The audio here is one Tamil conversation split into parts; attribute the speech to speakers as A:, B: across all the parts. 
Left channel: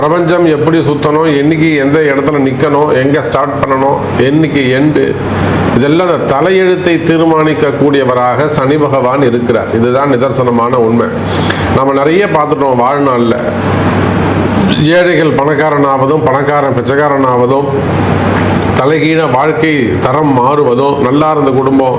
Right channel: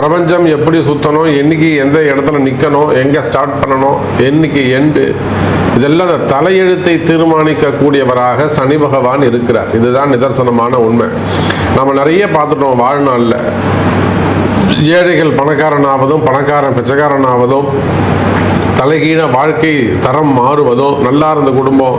A: பிரபஞ்சம் எப்படி சுத்தணும் என்னைக்கு எந்த இடத்துல நிற்கணும் எங்கே ஸ்டார்ட் பண்ணணும் என்னைக்கு எண்டு இதெல்லாம் அந்த தலையெழுத்தை தீர்மானிக்கக்கூடியவராக சனி பகவான் இருக்கிறார். இதுதான் நிதர்சனமான உண்மை. நம்ம நிறைய பார்த்துட்டோம் வாழ்நாளில். ஏழைகள் பணக்காரனாவதும் பணக்காரன் பிச்சைக்காரன் ஆவதும் தலைகீழ வாழ்க்கை தரம் மாறுவதும் நல்லா இருந்த குடும்பம்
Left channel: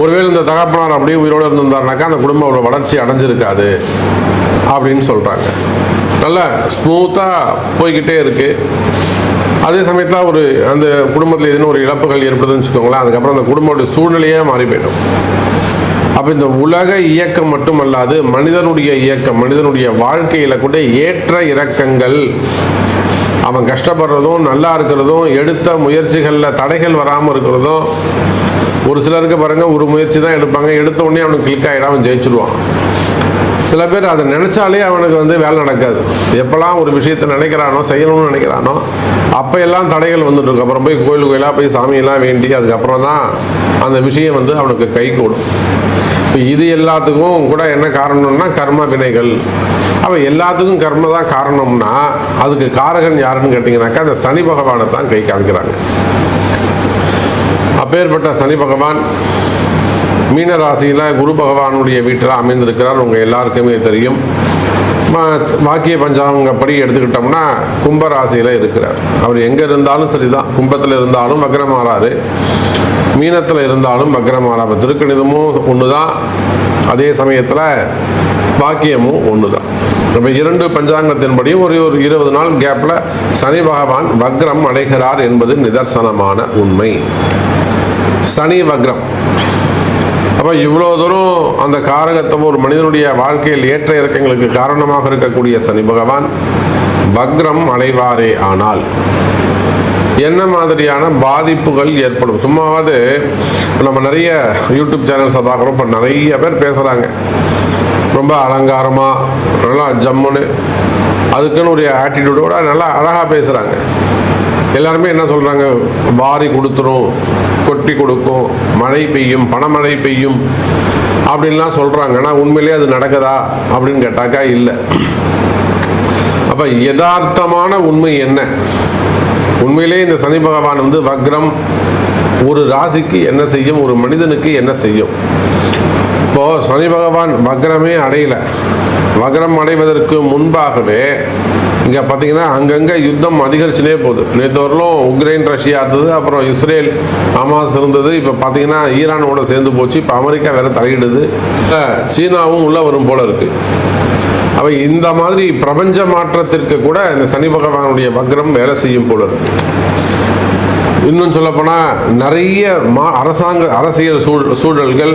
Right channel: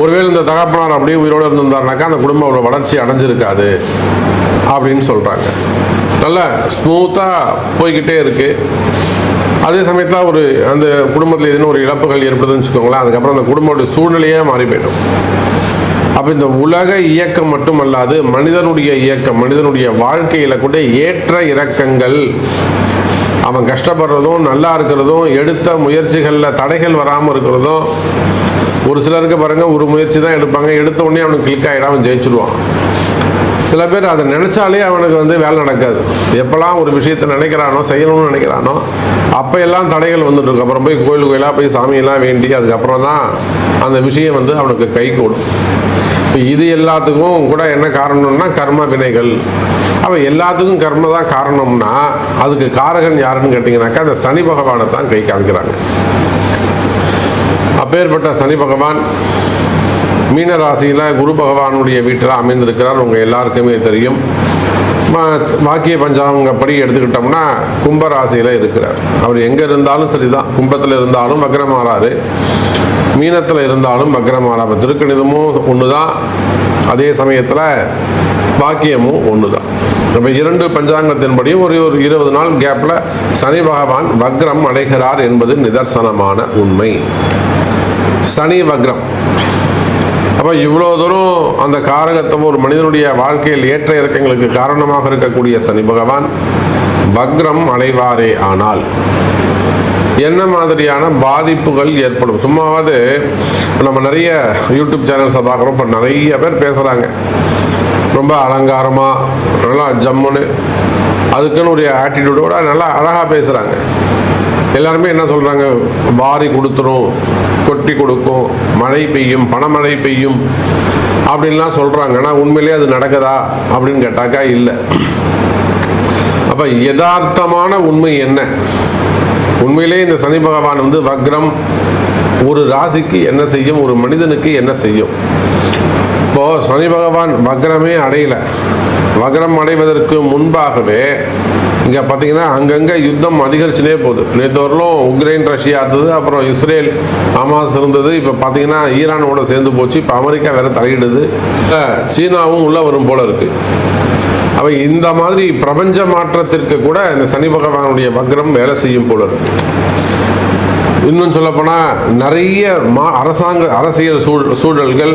A: ஒருவேளை இந்த தகப்பனார் அப்படியே உயிரோடு இருந்திருந்தாருனாக்கா அந்த குடும்பம் அவ்வளோ வளர்ச்சி அடைஞ்சிருக்காது அப்படின்னு சொல்கிறாங்க நல்லா ஸ்மூத்தாக போய்கிட்டே இருக்குது அதே சமயத்தில் ஒரு அந்த குடும்பத்தில் எதுவும் ஒரு இழப்புகள் ஏற்படுதுன்னு வச்சுக்கோங்களேன் அதுக்கப்புறம் அந்த குடும்பத்தோட சூழ்நிலையாக மாறி போயிடும். அப்போ இந்த உலக இயக்கம் மட்டுமல்லாது மனிதனுடைய இயக்கம் மனிதனுடைய வாழ்க்கையில் கூட ஏற்ற இறக்கங்கள் அவன் கஷ்டப்படுறதும் நல்லா இருக்கிறதும் எடுத்த முயற்சிகளில் தடைகள் வராமல் இருக்கிறதும் ஒரு சிலருக்கு பாருங்க ஒரு முயற்சி தான் எடுப்பாங்க. எடுத்த உடனே அவனுக்கு கிளிக் ஆகிடும் அவன் ஜெயிச்சிருவான். சில பேர் அதை நினைச்சாலே அவனுக்கு வந்து வேலை நடக்காது. எப்பெல்லாம் ஒரு விஷயத்தை நினைக்கிறானோ செய்யணும்னு நினைக்கிறானோ அப்போ எல்லாம் தடைகள் வந்துட்டுருக்கும் அப்புறம் போய் கோயில் கோயிலாக போய் சாமியெல்லாம் வேண்டி அதுக்கப்புறம் தான் அந்த விஷயம் வந்து அவனுக்கு கை கூடும் இப்போ இது எல்லாத்துக்கும் கூட என்ன காரணம்னா கர்ம வினைகள். அப்போ எல்லாத்துக்கும் கர்ம தான் காரணம்னா அதுக்கு காரகன் யாருன்னு கேட்டிங்கனாக்கா அந்த சனி பகவானை தான் கை காமிக்கிறாங்க. அப்பேற்பட்ட சனி பகவான் மீன ராசியில் குரு பகவானுடைய வீட்டில் அமைந்திருக்கிறார். உங்கள் எல்லாருக்குமே தெரியும். வாக்கிய பஞ்சாங்கப்படி எடுத்துக்கிட்டோம்னா கும்ப ராசியில் இருக்கிறார். அவர் எங்கே இருந்தாலும் சரிதான். கும்பத்தில் இருந்தாலும் வக்ரமாறாரு. மீனத்தில் இருந்தாலும் வக்ரமாறாரு. திருக்கணிதமும் ஒன்று தான் அதே சமயத்தில் வாக்கியமும் ஒன்று தான் இப்போ இரண்டு பஞ்சாங்கத்தின்படியும் ஒரு ஒரு இருபது நாள் கேப்பில் சனி பகவான் வக்ரம் அடைகிறார் என்பது நிதர்சனமான உண்மை. சனி வக்ரம். அப்போ இவ்வளோ தூரம் அந்த காரகத்துவம் ஒரு மனிதனுடைய வாழ்க்கையில் ஏற்ற இறக்கங்களுக்கு காரணமாக இருக்கக்கூடிய சனி பகவான் வக்ரம் அடைவாரே ஆனால் என்ன மாதிரியான பாதிப்புகள் ஏற்படும்? சும்மாவது நம்ம நிறைய யூடியூப் சேனல்ஸை பார்க்குறோம் இப்போ நிறைய பேர் பேசுகிறாங்க ரொம்ப அலங்காரமாக நல்லா ஜம்முன்னு அதுக்குன்னு ஒரு ஆட்டிடியூடோட நல்லா அழகாக பேசுகிறாங்க எல்லாருமே என்ன சொல்கிறாங்க வாரி கொடுத்துரும் கொட்டி கொடுக்கும் மழை பெய்யும் பணமழை பெய்யும் அப்படின்லாம் சொல்கிறாங்க ஆனால் உண்மையிலே அது நடக்குதா அப்படின்னு கேட்டாக்கா இல்லை. அப்போ யதார்த்தமான உண்மை என்ன? உண்மையிலேயே இந்த சனி பகவான் வந்து வக்ரம் ஒரு ராசிக்கு என்ன செய்யும்? ஒரு மனிதனுக்கு என்ன செய்யும்? இப்போ சனி பகவான் வக்ரமே அடையல. வக்ரம் அடைவதற்கு முன்பாகவே இங்கே பார்த்தீங்கன்னா அங்கங்கே யுத்தம் அதிகரிச்சுனே போகுது. நேற்று வரலும் உக்ரைன் ரஷ்யா இருந்தது அப்புறம் இஸ்ரேல் ஹமாஸ் இருந்தது. இப்போ பார்த்தீங்கன்னா ஈரானோட சேர்ந்து போச்சு. இப்போ அமெரிக்கா வேற தலையிடுது. சீனாவும் உள்ளே வரும் போல இருக்குது அவை இந்த மாதிரி பிரபஞ்ச மாற்றத்திற்கு கூட இந்த சனி பகவானுடைய வக்ரம் வேலை செய்யும் போல இருக்கு. இன்னும் சொல்லப்போனால் நிறைய மா அரசாங்க அரசியல் சூழ் சூழல்கள்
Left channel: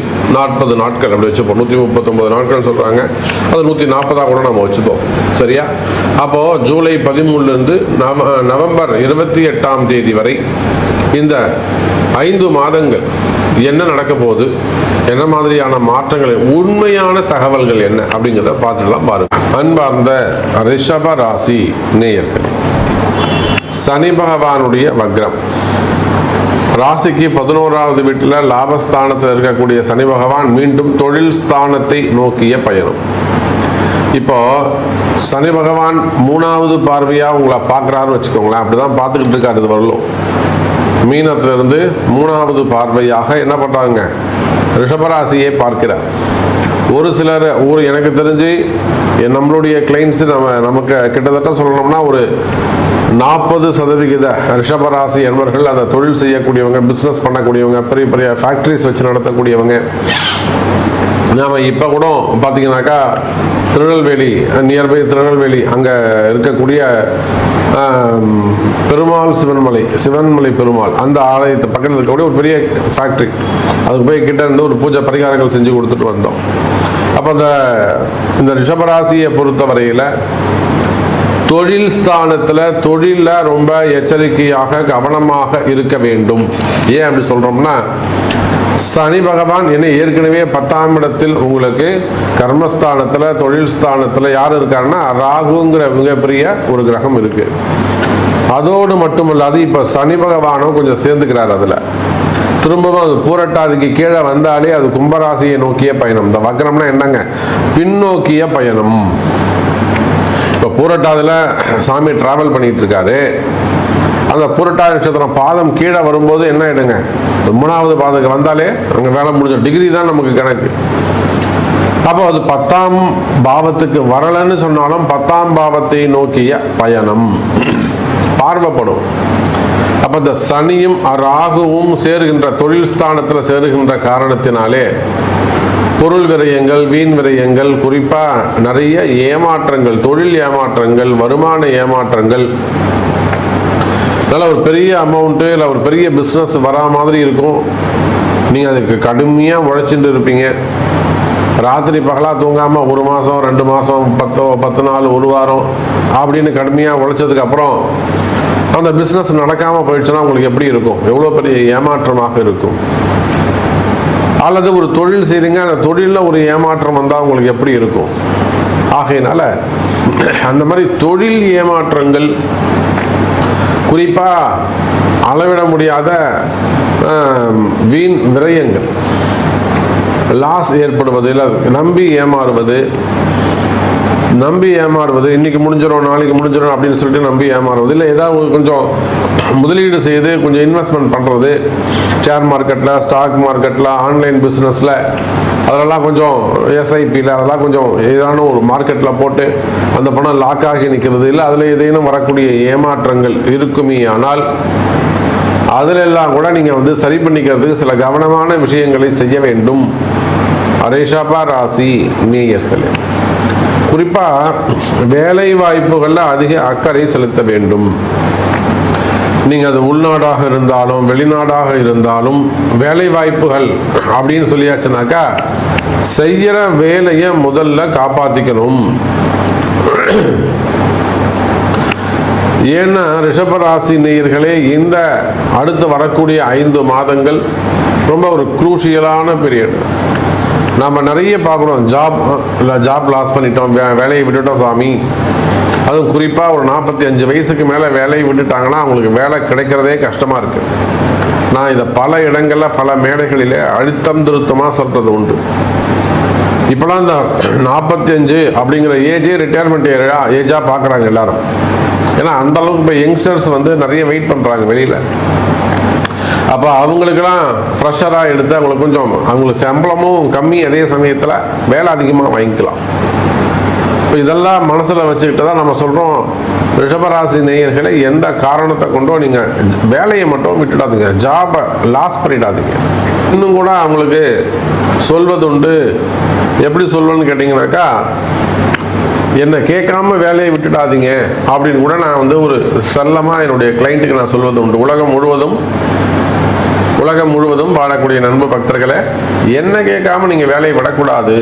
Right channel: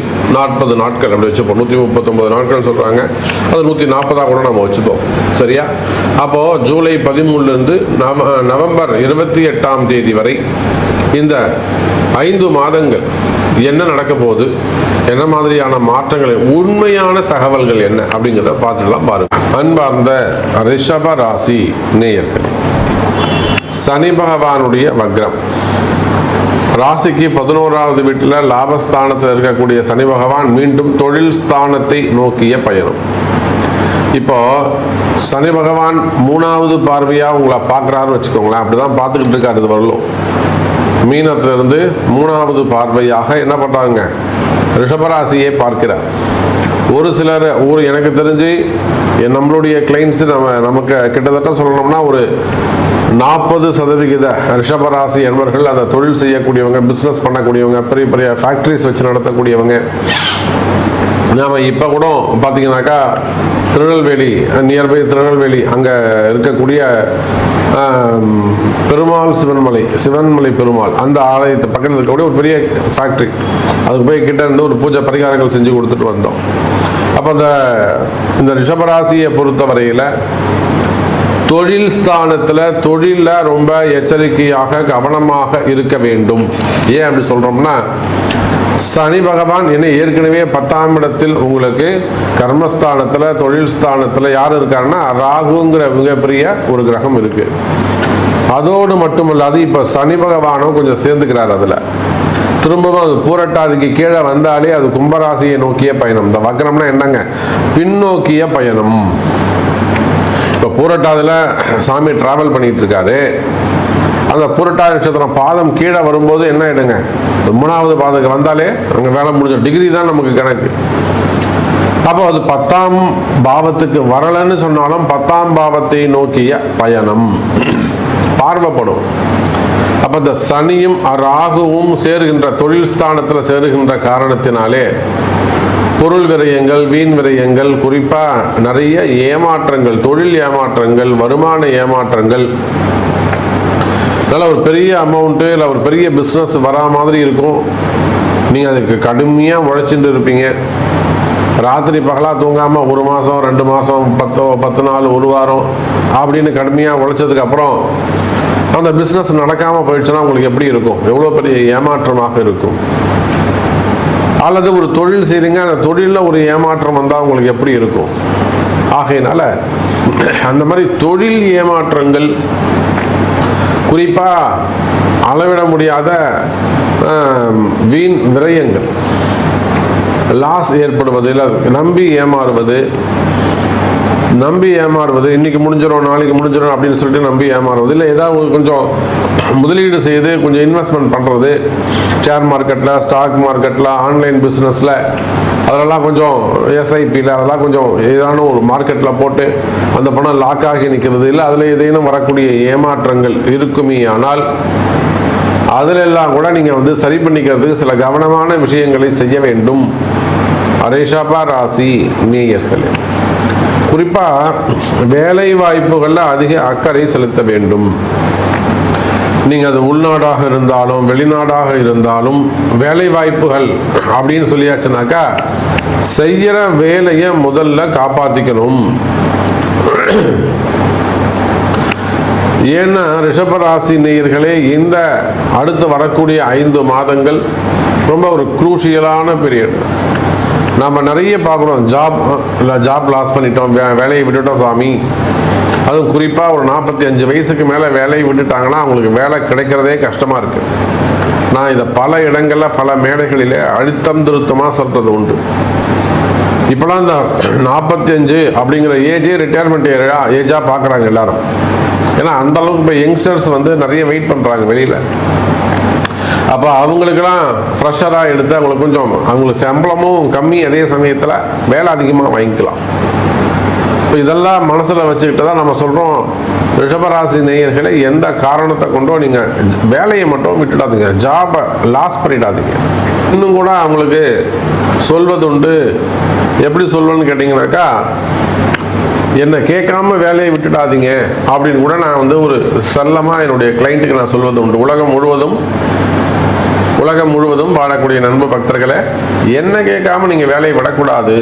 A: நாற்பது நாட்கள் அப்படி வச்சுப்போம். நூற்றி முப்பத்தொம்பது நாட்கள் சொல்கிறாங்க அது நூற்றி நாற்பதாக கூட நம்ம வச்சுப்போம். சரியா? அப்போது ஜூலை பதிமூணுலேருந்து நவ நவம்பர் இருபத்தி எட்டாம் தேதி வரை இந்த ஐந்து மாதங்கள் என்ன நடக்க போகுது? என்ன மாதிரியான மாற்றங்களை உண்மையான தகவல்கள் என்ன அப்படிங்கிறத பார்த்துக்கலாம் பாருங்க. அன்பார்ந்த ரிஷப ராசி நேயர்கள் சனி பகவானுடைய வக்ரம். ராசிக்கு பதினோராவது வீட்டில் லாபஸ்தானத்தில் இருக்கக்கூடிய சனி பகவான் மீண்டும் தொழில் ஸ்தானத்தை நோக்கிய பயணம். இப்போ சனி பகவான் மூணாவது பார்வையாக உங்களை பார்க்குறாருன்னு வச்சுக்கோங்களேன். அப்படிதான் பார்த்துக்கிட்டு இருக்காரு வரலும் மீனத்திலிருந்து மூணாவது பார்வையாக என்ன பண்ணுறாங்க ரிஷபராசியை பார்க்கிறார். ஒரு சிலர் ஒரு எனக்கு தெரிஞ்சு நம்மளுடைய கிளைண்ட்ஸ் நம்ம நமக்கு கிட்டத்தட்ட சொல்லணும்னா ஒரு நாற்பது சதவிகித ரிஷபராசி என்பர்கள் அந்த தொழில் செய்யக்கூடியவங்க பிஸ்னஸ் பண்ணக்கூடியவங்க பெரிய பெரிய ஃபேக்ட்ரிஸ் வச்சு நடத்தக்கூடியவங்க. நாம் இப்போ கூட பார்த்தீங்கன்னாக்கா திருநெல்வேலி நியர்பை திருநெல்வேலி அங்கே இருக்கக்கூடிய பெருமாள் சிவன்மலை சிவன்மலை பெருமாள் அந்த ஆலயத்து பக்கத்தில் இருக்கக்கூடிய ஒரு பெரிய ஃபேக்ட்ரி அதுக்கு போய் கிட்ட இருந்து ஒரு பூஜை பரிகாரங்கள் செஞ்சு கொடுத்துட்டு வந்தோம். அப்போ அந்த இந்த ரிஷபராசியை பொறுத்தவரையில் தொழில் ஸ்தானத்துல தொழில்ல ரொம்ப எச்சரிக்கையாக கவனமாக இருக்க வேண்டும். ஏன் அப்படி சொல்றோம்னா சனி பகவான் என்ன ஏற்கனவே பத்தாம் இடத்தில் உங்களுக்கு கர்மஸ்தானத்துல தொழில் ஸ்தானத்துல யார் இருக்காருன்னா ராகுங்கிற மிகப்பெரிய ஒரு கிரகம் இருக்கு. அதோடு மட்டுமல்லாது இப்ப சனி பகவானும் கொஞ்சம் சேர்ந்துக்கிறார் அதுல. திரும்பவும் அது பூரட்டாதிக்கு கீழே வந்தாலே அது கும்பராசியை நோக்கிய பயணம். இந்த வக்கரம்னா என்னங்க? பின்னோக்கிய பயணம். இப்போ சாமி டிராவல் பண்ணிட்டு இருக்காரு அந்த பூரட்டாதி சொல்ற பாதம் கீழே வரும்போது என்ன ஆயிடுங்க மூணாவது பாதம் வந்தாலே அந்த வேலை முடியும் டிகிரி தான் நமக்கு கணக்கு. அப்போ அது பத்தாம் பாவத்துக்கு வரலன்னு சொன்னாலும் பத்தாம் பாவத்தை நோக்கிய பயணம். பார்வைப்படும். அப்ப இந்த சனியும் ராகுவும் சேருகின்ற தொழில் ஸ்தானத்துல சேருகின்ற காரணத்தினாலே பொருள் விரயங்கள் வீண் விரயங்கள் குறிப்பா நிறைய ஏமாற்றங்கள் தொழில் ஏமாற்றங்கள் வருமான ஏமாற்றங்கள். அதனால் ஒரு பெரிய அமௌண்ட்டு இல்லை ஒரு பெரிய பிஸ்னஸ் வரா மாதிரி இருக்கும். நீங்கள் அதுக்கு கடுமையாக உழைச்சிட்டு இருப்பீங்க. ராத்திரி பகலாக தூங்காமல் ஒரு மாதம் ரெண்டு மாதம் பத்தோ பத்து நாள் ஒரு வாரம் அப்படின்னு கடுமையாக உழைச்சதுக்கப்புறம் அந்த பிஸ்னஸ் நடக்காமல் போயிடுச்சுன்னா உங்களுக்கு எப்படி இருக்கும்? எவ்வளோ பெரிய ஏமாற்றமாக இருக்கும். அல்லது ஒரு தொழில் செய்றீங்க அந்த தொழிலில் ஒரு ஏமாற்றம் வந்தால் உங்களுக்கு எப்படி இருக்கும்? ஆகையினால அந்த மாதிரி தொழில் ஏமாற்றங்கள் குறிப்பாக அளவிட முடியாத வீண் விரயங்கள். லாஸ் ஏற்படுவது இல்லை நம்பி ஏமாறுவது நம்பி ஏமாறுவது இன்னைக்கு முடிஞ்சிடும் நாளைக்கு முடிஞ்சிடும் அப்படின்னு சொல்லிட்டு நம்பி ஏமாறுவது. இல்லை ஏதாவது கொஞ்சம் முதலீடு செய்து கொஞ்சம் இன்வெஸ்ட்மெண்ட் பண்ணுறது ஷேர் மார்க்கெட்டில் ஸ்டாக் மார்க்கெட்டில் ஆன்லைன் பிஸ்னஸில் அதெல்லாம் கொஞ்சம் எஸ்ஐபியில் அதெல்லாம் கொஞ்சம் ஏதான ஒரு மார்க்கெட்டில் போட்டு அந்த பணம் லாக் ஆகி நிற்கிறது இல்லை அதில் ஏதேனும் வரக்கூடிய ஏமாற்றங்கள் இருக்குமே ஆனால் அதிலெல்லாம் கூட நீங்கள் வந்து சரி பண்ணிக்கிறதுக்கு சில கவனமான விஷயங்களை செய்ய வேண்டும். அரேஷாபா ராசி நேயர்களே. குறிப்பாக வேலை வாய்ப்புகளில் அதிக அக்கறை செலுத்த வேண்டும். நீங்கள் அது உள்நாடாக இருந்தாலும் வெளிநாடாக இருந்தாலும் வேலை வாய்ப்புகள் அப்படின்னு சொல்லியாச்சுனாக்கா செய்கிற வேலையை முதல்ல காப்பாற்றிக்கணும் ஏன்னா ரிஷபராசி நேயர்களே இந்த அடுத்து வரக்கூடிய ஐந்து மாதங்கள் ரொம்ப ஒரு குரூஷியலான பீரியட் நம்ம நிறைய பார்க்குறோம் ஜாப் ஜாப் லாஸ் பண்ணிட்டோம். வேலையை விட்டுட்டோம் சாமி அதுவும் குறிப்பாக ஒரு நாற்பத்தி அஞ்சு வயசுக்கு மேலே வேலையை விட்டுட்டாங்கன்னா அவங்களுக்கு வேலை கிடைக்கிறதே கஷ்டமாக இருக்குது நான் இதை பல இடங்களில் பல மேடைகளில் அழுத்தம் திருத்தமாக சொல்கிறது உண்டு. இப்போலாம் இந்த நாற்பத்தி அஞ்சு அப்படிங்கிற ஏஜே ரிட்டையர்மெண்ட் ஏஜா ஏஜாக பார்க்குறாங்க எல்லாரும். ஏன்னா அந்த அளவுக்கு இப்போ யங்ஸ்டர்ஸ் வந்து நிறைய வெயிட் பண்ணுறாங்க வெளியில். அப்போ அவங்களுக்கெல்லாம் ஃப்ரெஷராக எடுத்து அவங்களுக்கு கொஞ்சம் அவங்களுக்கு சம்பளமும் கம்மி அதே சமயத்தில் வேலை அதிகமாக வாங்கிக்கலாம். இப்போ இதெல்லாம் மனசில் வச்சுக்கிட்டு தான் நம்ம சொல்கிறோம் ரிஷபராசி நேயர்களை எந்த காரணத்தை கொண்டோ நீங்கள் வேலையை மட்டும் விட்டுடாதீங்க. ஜாபை லாஸ் பண்ணிடாதீங்க. இன்னும் கூட அவங்களுக்கு சொல்வதுண்டு எப்படி சொல்வேன்னு கேட்டிங்கனாக்கா என்னை கேட்காம வேலையை விட்டுடாதீங்க. அப்படின்னு கூட நான் வந்து ஒரு செல்லமாக என்னுடைய கிளைண்ட்டுக்கு நான் சொல்வது உண்டு. உலகம் முழுவதும் உலகம் முழுவதும் வாழக்கூடிய நண்பு பக்தர்களை என்ன கேட்காம நீங்க வேலையை விடக்கூடாது?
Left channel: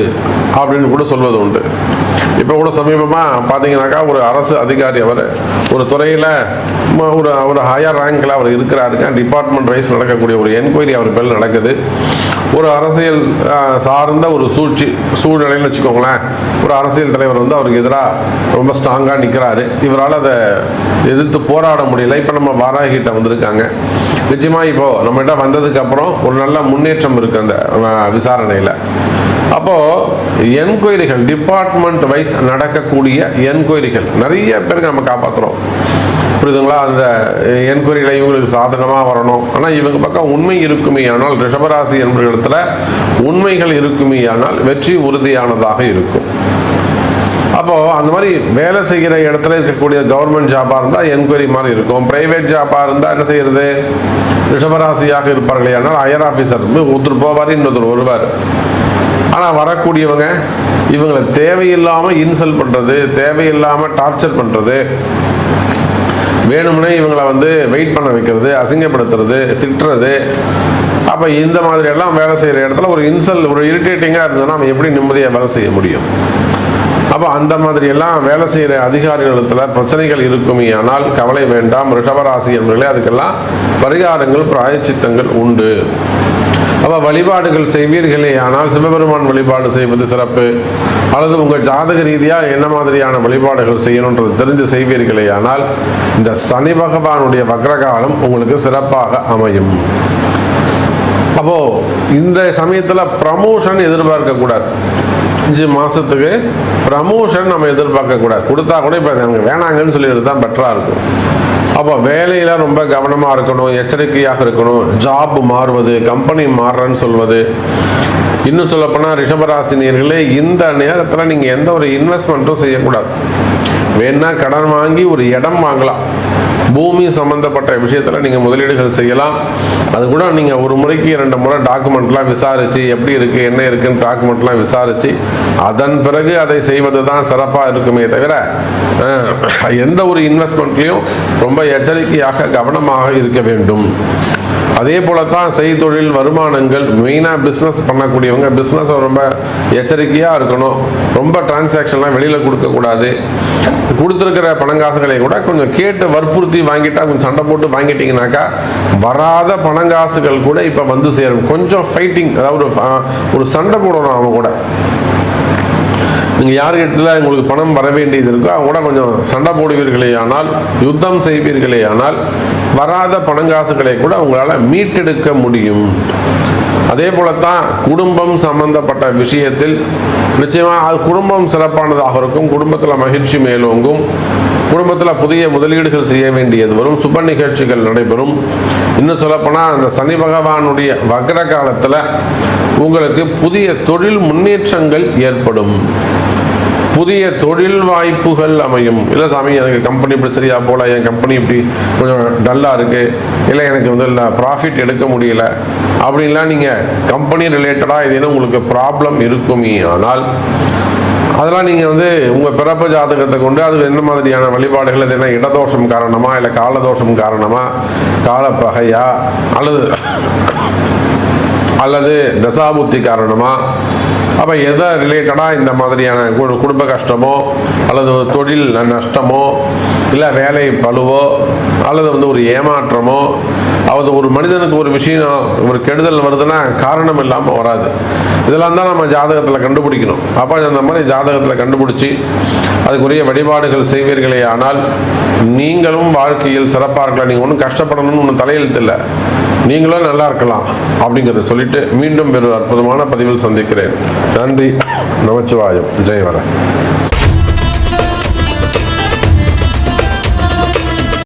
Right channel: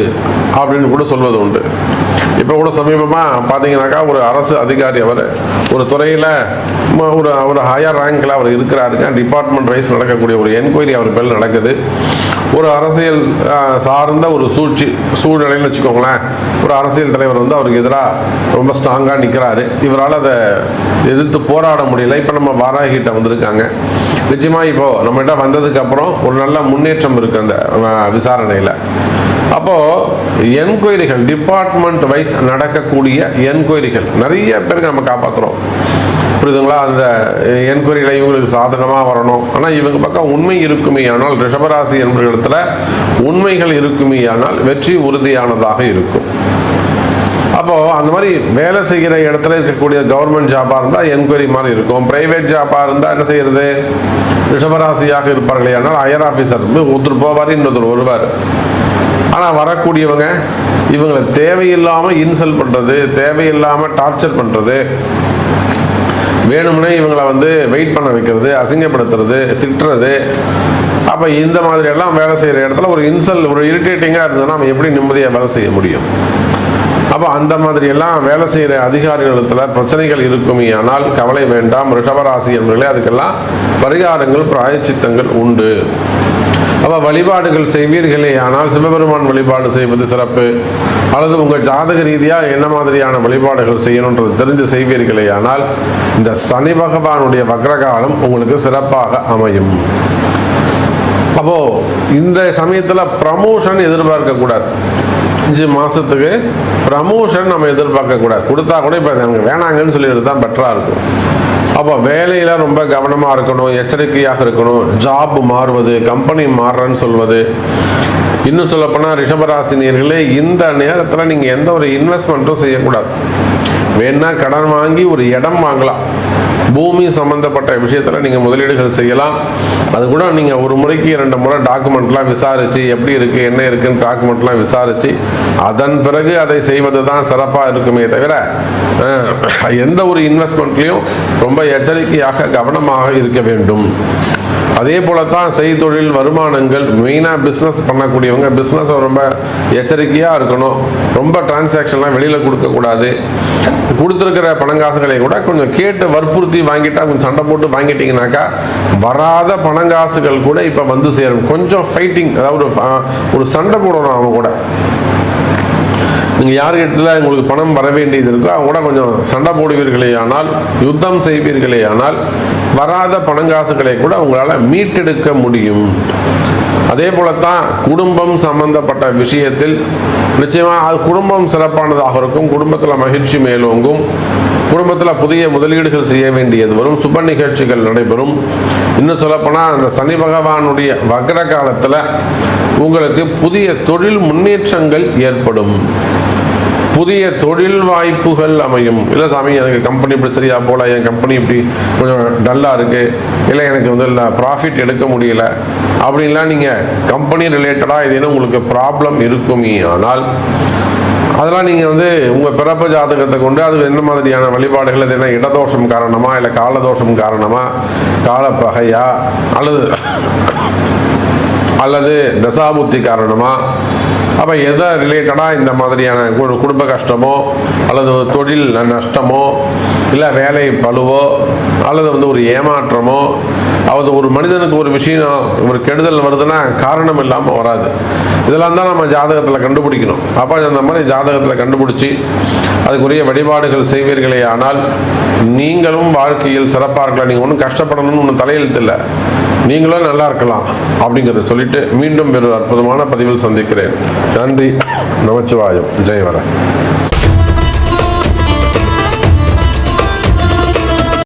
A: அப்படின்னு கூட சொல்வது உண்டு. இப்போ கூட சமீபமாக பார்த்தீங்கன்னாக்கா ஒரு அரசு அதிகாரி அவர் ஒரு துறையில் ஒரு ஒரு ஹையர் ரேங்கில் அவர் இருக்கிறாருங்க. டிபார்ட்மெண்ட் வைஸ் நடக்கக்கூடிய ஒரு என்கொயரி அவர் பேர் நடக்குது. ஒரு அரசியல் சார்ந்த ஒரு சூழ்ச்சி சூழ்நிலைன்னு வச்சுக்கோங்களேன். ஒரு அரசியல் தலைவர் வந்து அவருக்கு எதிராக ரொம்ப ஸ்ட்ராங்காக நிற்கிறாரு இவரால் அதை எதிர்த்து போராட முடியல. இப்போ நம்ம வாராகிட்ட வந்திருக்காங்க. நிச்சயமாக இப்போ நம்மகிட்ட வந்ததுக்கு அப்புறம் ஒரு நல்ல முன்னேற்றம் இருக்கு அந்த விசாரணையில். அப்போது என்கொயரிகள் டிபார்ட்மெண்ட் வைஸ் நடக்கக்கூடிய என்கொயரிகள். நிறைய பேருக்கு நம்ம காப்பாத்துறோம். புரியுதுங்களா? அந்த என்கொயரியில் இவங்களுக்கு சாதகமாக வரணும். ஆனால் இவங்க பக்கம் உண்மை இருக்குமே ஆனால் ரிஷபராசி என்பவர்களிடத்துல உண்மைகள் இருக்குமே ஆனால் வெற்றி உறுதியானதாக இருக்கும். அப்போ அந்த மாதிரி வேலை செய்கிற இடத்துல இருக்கக்கூடிய கவர்மெண்ட் ஜாபா இருந்தா என்கொயரி மாதிரி இருக்கும். பிரைவேட் ஜாபா இருந்தால் என்ன செய்யறது? ரிஷபராசியாக இருப்பார்களே. ஆனால் ஹையர் ஆஃபீஸர் வந்து ஒருத்தர் போவார் இன்னொருத்தர் வருவார். ஆனால் வரக்கூடியவங்க இவங்களை தேவையில்லாமல் இன்சல்ட் பண்ணுறது தேவையில்லாமல் டார்ச்சர் பண்ணுறது வேணும்னே இவங்களை வந்து வெயிட் பண்ண வைக்கிறது அசிங்கப்படுத்துறது திட்டுறது. அப்போ இந்த மாதிரி எல்லாம் வேலை செய்கிற இடத்துல ஒரு இன்சல்ட் ஒரு இரிட்டேட்டிங்காக இருந்ததுன்னா நம்ம எப்படி நிம்மதியாக வேலை செய்ய முடியும்? அப்போ அந்த மாதிரி எல்லாம் வேலை செய்கிற அதிகாரிகளிடத்தில் பிரச்சனைகள் இருக்குமே ஆனால் கவலை வேண்டாம். ரிஷபராசி என்பவர்களே அதுக்கெல்லாம் பரிகாரங்கள் பிராயச்சித்தங்கள் உண்டு. அப்ப வழிபாடுகள் செய்வீர்களே ஆனால் சிவபெருமான் வழிபாடு செய்வது சிறப்பு. அல்லது உங்க ஜாதக ரீதியா என்ன மாதிரியான வழிபாடுகள் செய்யணும்ன்றது தெரிந்து செய்வீர்களே ஆனால் இந்த சனி பகவானுடைய வக்ரகாலம் உங்களுக்கு சிறப்பாக அமையும். அப்போ இந்த சமயத்துல ப்ரமோஷன் எதிர்பார்க்க கூடாது. அஞ்சு மாசத்துக்கு ப்ரமோஷன் நம்ம எதிர்பார்க்க கூடாது. கொடுத்தா கூட இப்போ எனக்கு வேணாங்கன்னு சொல்லிட்டு தான் பெட்டரா இருக்கும். அப்போ வேலையில ரொம்ப கவனமா இருக்கணும் எச்சரிக்கையாக இருக்கணும். ஜாப் மாறுவது கம்பெனி மாறுறேன்னு சொல்வது. இன்னும் சொல்ல போனா ரிஷபராசினியர்களே இந்த நேரத்துல நீங்க எந்த ஒரு இன்வெஸ்ட்மெண்ட்டும் செய்யக்கூடாது. வேணா கடன் வாங்கி ஒரு இடம் வாங்கலாம். பூமி சம்பந்தப்பட்ட விஷயத்தில் நீங்கள் முதலீடுகள் செய்யலாம். அது கூட நீங்கள் ஒரு முறைக்கு இரண்டு முறை டாக்குமெண்ட்லாம் விசாரித்து எப்படி இருக்குது என்ன இருக்குன்னு டாக்குமெண்ட்லாம் விசாரித்து அதன் பிறகு அதை செய்வது தான் சிறப்பாக இருக்குமே தவிர எந்த ஒரு இன்வெஸ்ட்மெண்ட்லையும் ரொம்ப எச்சரிக்கையாக கவனமாக இருக்க வேண்டும். அதே போலத்தான் செய்தொழில் வருமானங்கள் மெயினாக பிஸ்னஸ் பண்ணக்கூடியவங்க பிஸ்னஸ் ரொம்ப எச்சரிக்கையாக இருக்கணும். ரொம்ப டிரான்சாக்ஷன்லாம் வெளியில் கொடுக்கக்கூடாது. கொடுத்துருக்கிற பணங்காசுகளை கூட கொஞ்சம் கேட்டு வற்புறுத்தி வாங்கிட்டா கொஞ்சம் சண்டை போட்டு வாங்கிட்டீங்கனாக்கா வராத பணங்காசுகள் கூட இப்போ வந்து சேரும். கொஞ்சம் ஃபைட்டிங் அதாவது ஒரு ஒரு சண்டை போடணும் அவங்க கூட. நீங்கள் யார்கிட்ட உங்களுக்கு பணம் வர வேண்டியது இருக்கோ அவங்க கூட கொஞ்சம் சண்டை போடுவீர்களே ஆனால் யுத்தம் செய்வீர்களே ஆனால் வராத பணங்காசுகளை கூட உங்களால் மீட்டெடுக்க முடியும். அதே போலத்தான் குடும்பம் சம்பந்தப்பட்ட விஷயத்தில் நிச்சயமாக அது குடும்பம் சிறப்பானதாக இருக்கும் குடும்பத்தில் மகிழ்ச்சி மேலோங்கும் குடும்பத்தில் புதிய முதலீடுகள் செய்ய வேண்டியது வரும் சுப நிகழ்ச்சிகள் நடைபெறும். இன்னும் சொல்லப்போனால் அந்த சனி பகவானுடைய வக்ர காலத்தில் உங்களுக்கு புதிய தொழில் முன்னேற்றங்கள் ஏற்படும். புதிய தொழில் வாய்ப்புகள் அமையும். இல்லை சாமி எனக்கு கம்பெனி இப்படி சரியா போல என் கம்பெனி இப்படி கொஞ்சம் டல்லாக இருக்குது இல்லை எனக்கு வந்து இல்லை ப்ராஃபிட் எடுக்க முடியல. அப்படின்லாம் நீங்கள் கம்பெனி ரிலேட்டடாக ஏதேனும் உங்களுக்கு ப்ராப்ளம் இருக்குமே. ஆனால் அதெல்லாம் நீங்கள் வந்து உங்கள் பிறப்பு ஜாதகத்தை கொண்டு அது என்ன மாதிரியான வழிபாடுகள் அது என்ன இடதோஷம் காரணமா இல்லை காலதோஷம் காரணமாக காலப்பகையா அல்லது அல்லது தசாபுத்தி காரணமாக அப்போ எதை ரிலேட்டடாக இந்த மாதிரியான குடும்ப கஷ்டமோ அல்லது தொழில் நஷ்டமோ இல்லை வேலை பழுவோ அல்லது வந்து ஒரு ஏமாற்றமோ அது ஒரு மனிதனுக்கு ஒரு விஷயம் ஒரு கெடுதல் வருதுன்னா காரணம் இல்லாமல் வராது. இதெல்லாம் தான் நம்ம ஜாதகத்தில் கண்டுபிடிக்கணும். அப்போ அந்த மாதிரி ஜாதகத்தில் கண்டுபிடிச்சி அதுக்குரிய வழிபாடுகள் செய்வீர்களே ஆனால் நீங்களும் வாழ்க்கையில் சிறப்பாக இருக்கலாம். நீங்கள் ஒன்றும் கஷ்டப்படணும்னு ஒன்றும் தலையெழுத்து இல்லை. நீங்களும் நல்லா இருக்கலாம். அப்படிங்கிறத சொல்லிட்டு மீண்டும் ஒரு அற்புதமான பதிவில் சந்திக்கிறேன். நன்றி. நமச்சிவாயம். ஜெயவரன்